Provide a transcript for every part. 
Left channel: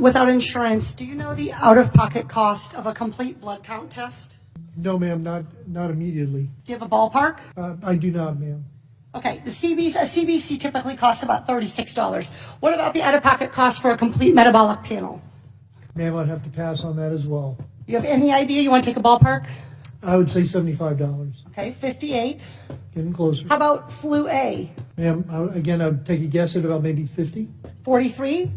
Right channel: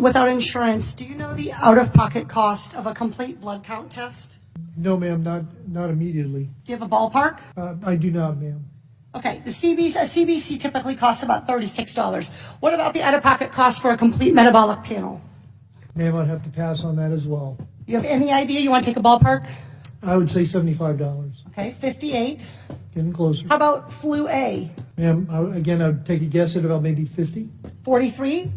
without insurance, do you know the out-of-pocket cost of a complete blood count test? No, ma'am, not immediately. Do you have a ballpark? I do not, ma'am. Okay, a CBC typically costs about $36. What about the out-of-pocket cost for a complete metabolic panel? Ma'am, I'd have to pass on that as well. You have any idea? You want to take a ballpark? I would say $75. Okay, 58. Getting closer. How about flu A? Ma'am, I would take a guess at about maybe 50. 43.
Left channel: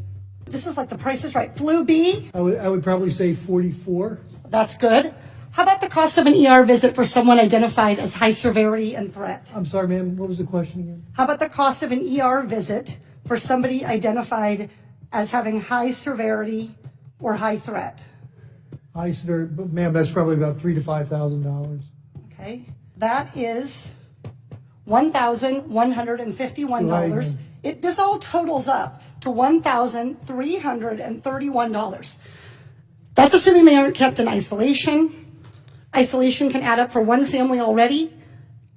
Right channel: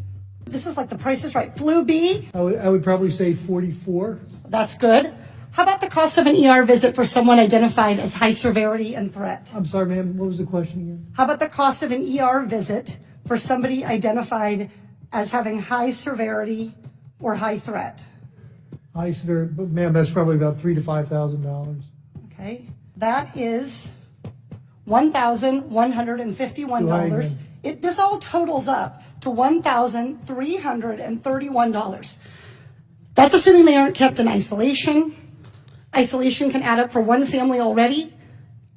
This is like the Price is Right. Flu B? I would probably say 44. That's good. How about the cost of an ER visit for someone identified as high severity and threat? I'm sorry, ma'am, what was the question again? How about the cost of an ER visit for somebody identified as having high severity or high threat? High severity, but ma'am, that's probably about $3,000 to $5,000. Okay, that is $1,151. This all totals up to $1,331. That's assuming they aren't kept in isolation. Isolation can add up for one family already,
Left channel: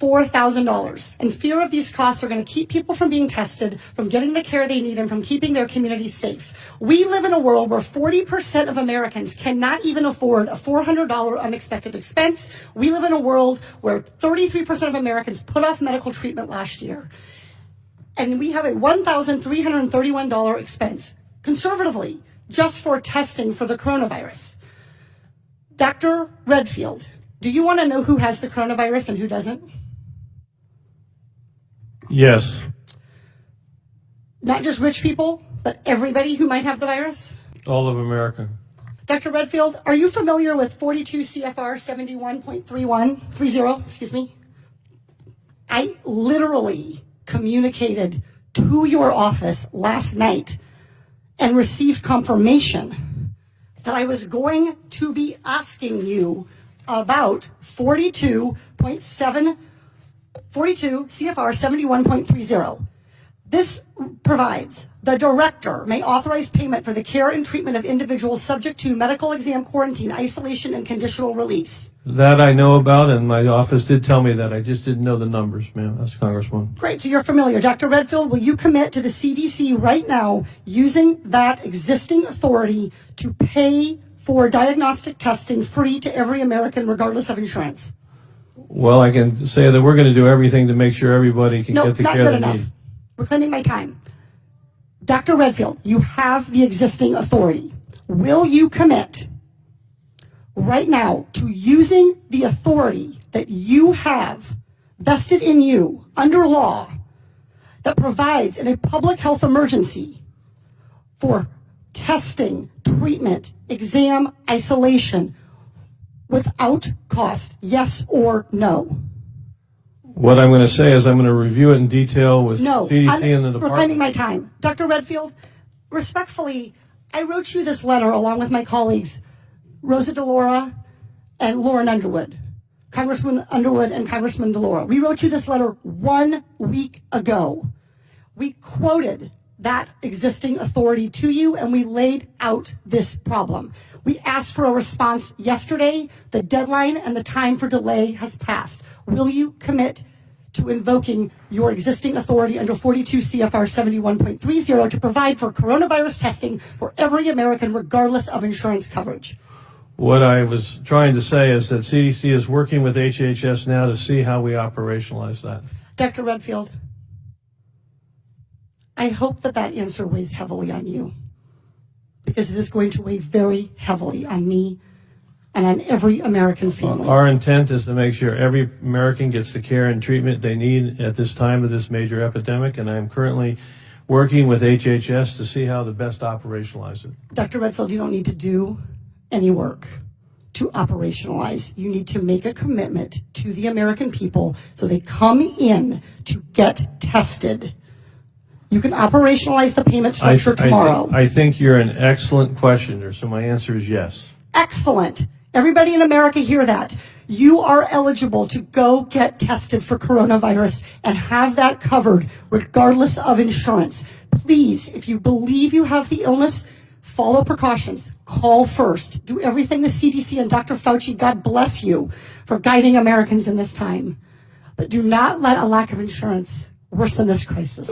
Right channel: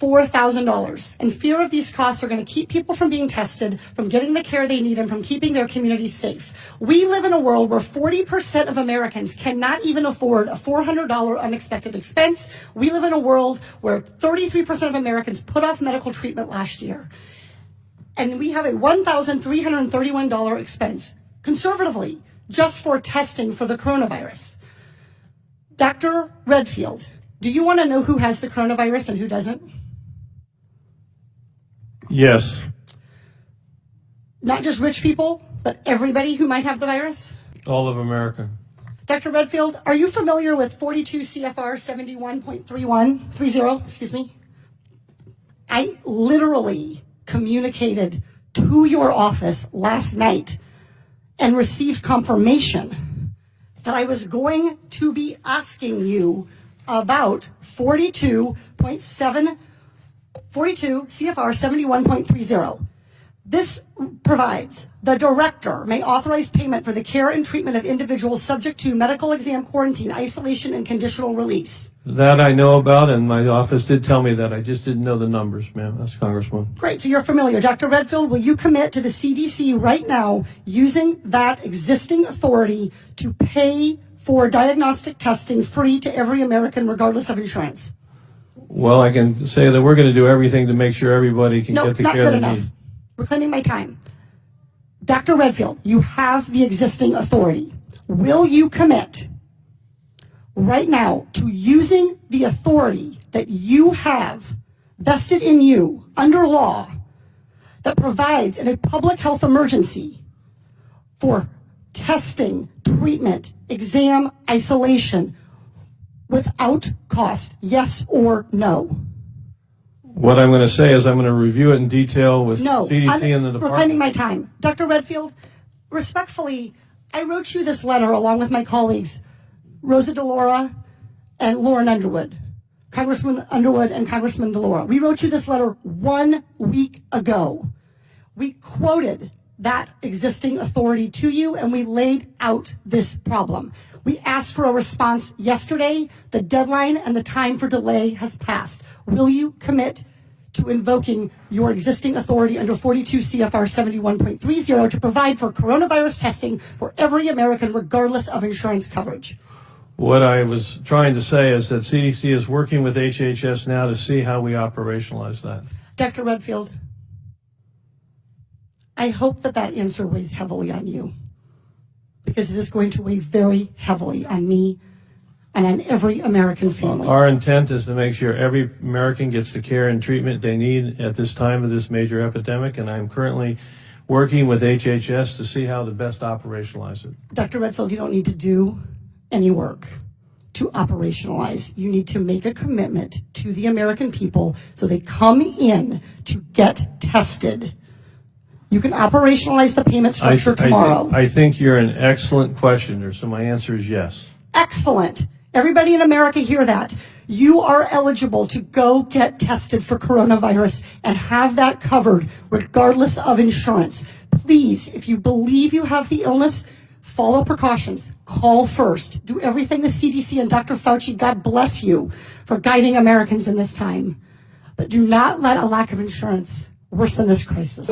$4,000. And fear of these costs are going to keep people from being tested, from getting the care they need, and from keeping their communities safe. We live in a world where 40% of Americans cannot even afford a $400 unexpected expense. We live in a world where 33% of Americans put off medical treatment last year. And we have a $1,331 expense, conservatively, just for testing for the coronavirus. Dr. Redfield, do you want to know who has the coronavirus and who doesn't? Yes. Not just rich people, but everybody who might have the virus? All of America. Dr. Redfield, are you familiar with 42 CFR 71.30? I literally communicated to your office last night and received confirmation that I was going to be asking you about 42 CFR 71.30. This provides the director may authorize payment for the care and treatment of individuals subject to medical exam, quarantine, isolation, and conditional release. That I know about, and my office did tell me that. I just didn't know the numbers, ma'am. That's Congresswoman. Great, so you're familiar. Dr. Redfield, will you commit to the CDC right now using that existing authority to pay for diagnostic testing free to every American regardless of insurance? Well, I can say that we're going to do everything to make sure everybody can get the care they need. Reclaiming my time. Dr. Redfield, you have the existing authority. Will you commit right now to using the authority that you have vested in you under law that provides in a public health emergency for testing, treatment, exam, isolation without cost? Yes or no? What I'm going to say is I'm going to review it in detail with CDC and the department. Reclaiming my time. Dr. Redfield, respectfully, I wrote you this letter along with my colleagues, Rosa DeLauro and Lauren Underwood, Congressman Underwood and Congressman DeLauro. We wrote you this letter 1 week ago. We quoted that existing authority to you, and we laid out this problem. We asked for a response yesterday. The deadline and the time for delay has passed. Will you commit to invoking your existing authority under 42 CFR 71.30 to provide for coronavirus testing for every American regardless of insurance coverage? What I was trying to say is that CDC is working with HHS now to see how we operationalize that. Dr. Redfield, I hope that answer weighs heavily on you, because it is going to weigh very heavily on me and on every American family. Our intent is to make sure every American gets the care and treatment they need at this time of this major epidemic, and I'm currently working with HHS to see how to best operationalize it. Dr. Redfield, you don't need to do any work to operationalize. You need to make a commitment to the American people so they come in to get tested. You can operationalize the payment structure tomorrow. I think you're an excellent questioner, so my answer is yes. Excellent. Everybody in America hear that. You are eligible to go get tested for coronavirus and have that covered regardless of insurance. Please, if you believe you have the illness, follow precautions. Call first. Do everything the CDC and Dr. Fauci, God bless you, for guiding Americans in this time. But do not let a lack of insurance worsen this crisis.